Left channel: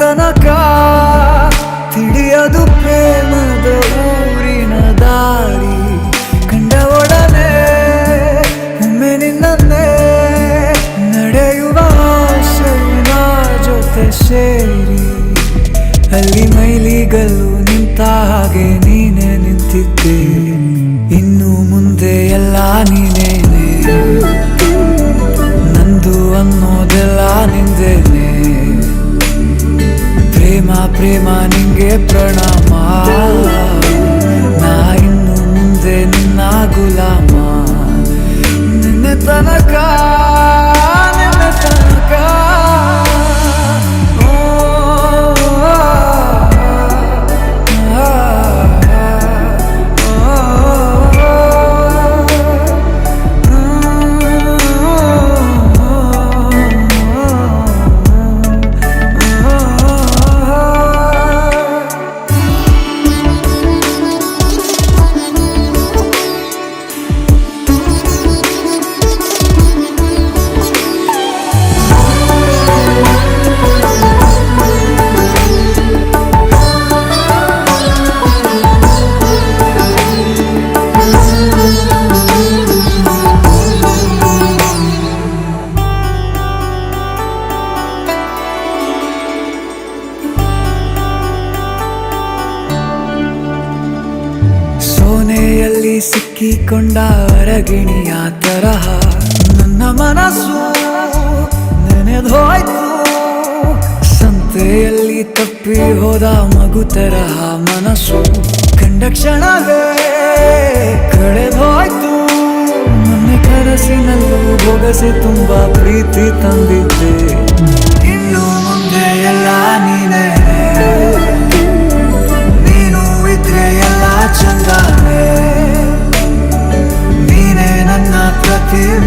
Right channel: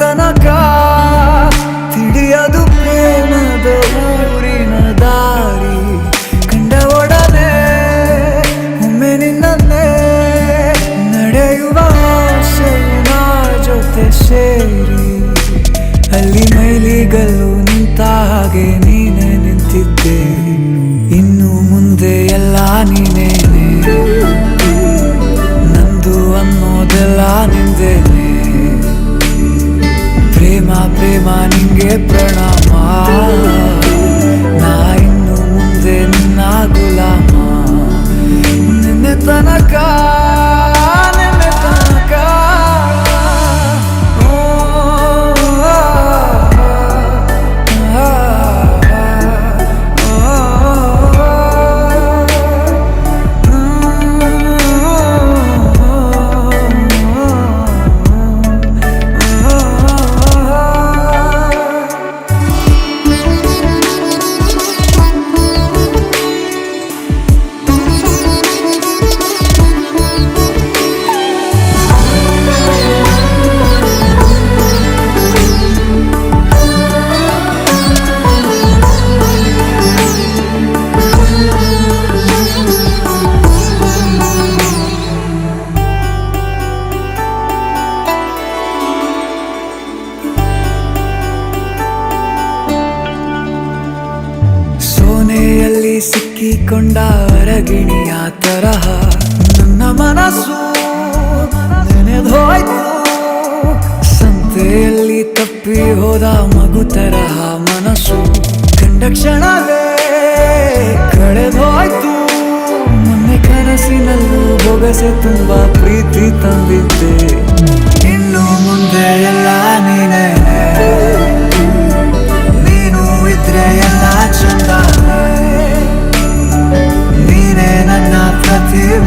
ತನಕ ತಿಳಿಯದು ಪ್ರೇಮದ ಊರಿನ ದಾರಿ. ಕಂಡ ಒಡನೆ ಒಮ್ಮೆ ನಿನ್ನೇ ನಡೆಯುವ ಆಸೆಯು ನಾ ಜೊತೆ ಸೇರಿ. ಅಲ್ಲಿ ಮೈಲಿಗಲ್ಲು ನಿಂತ ಹಾಗೆ ನೀನೆ ನಿಂತಿದ್ದೆ, ಇನ್ನು ಮುಂದೆ ಎಲ್ಲ ನೀನೇನೆ. ನಂದು ಅನ್ನೋದೆಲ್ಲ ನಿಂದೇನೆ. ಪ್ರೇಮ ಪ್ರೇಮ ನಿಂಗೆ ಪ್ರಣಾಮ, ನಾ ಇನ್ನು ಮುಂದೆ ನಿನ್ನ ಗುಲಾಮ. ನಿನ್ನೆ ತನಕ ನಿನ್ನೆ ತನಕ ಸೋನೆಯಲ್ಲಿ ಸಿಕ್ಕಿಕೊಂಡ ಅರಗಿಣಿಯ ತರಹ ನನ್ನ ಮನಸ್ಸು ನೆನೆದೋಯ್ತು. ಸಂತೆಯಲ್ಲಿ ತಪ್ಪಿ ಹೋದ ಮಗು ತರಹ ಮನಸ್ಸು ಕಂಡ ಕ್ಷಣವೇ ಕಳೆದೋಯ್ತು. ಮೊನ್ನೆ ಕನಸಿನಲ್ಲೂ ಬೊಗಸೆ ತುಂಬಾ ಪ್ರೀತಿ ತಂದಿದ್ದೆ, ಇನ್ನು ಮುಂದೆ ಎಲ್ಲ ನೀನೇ. ಎಲ್ಲ ಚಂದಾನೆ ನೀನೇ ನನ್ನ ಪ್ರತಿಭೆ.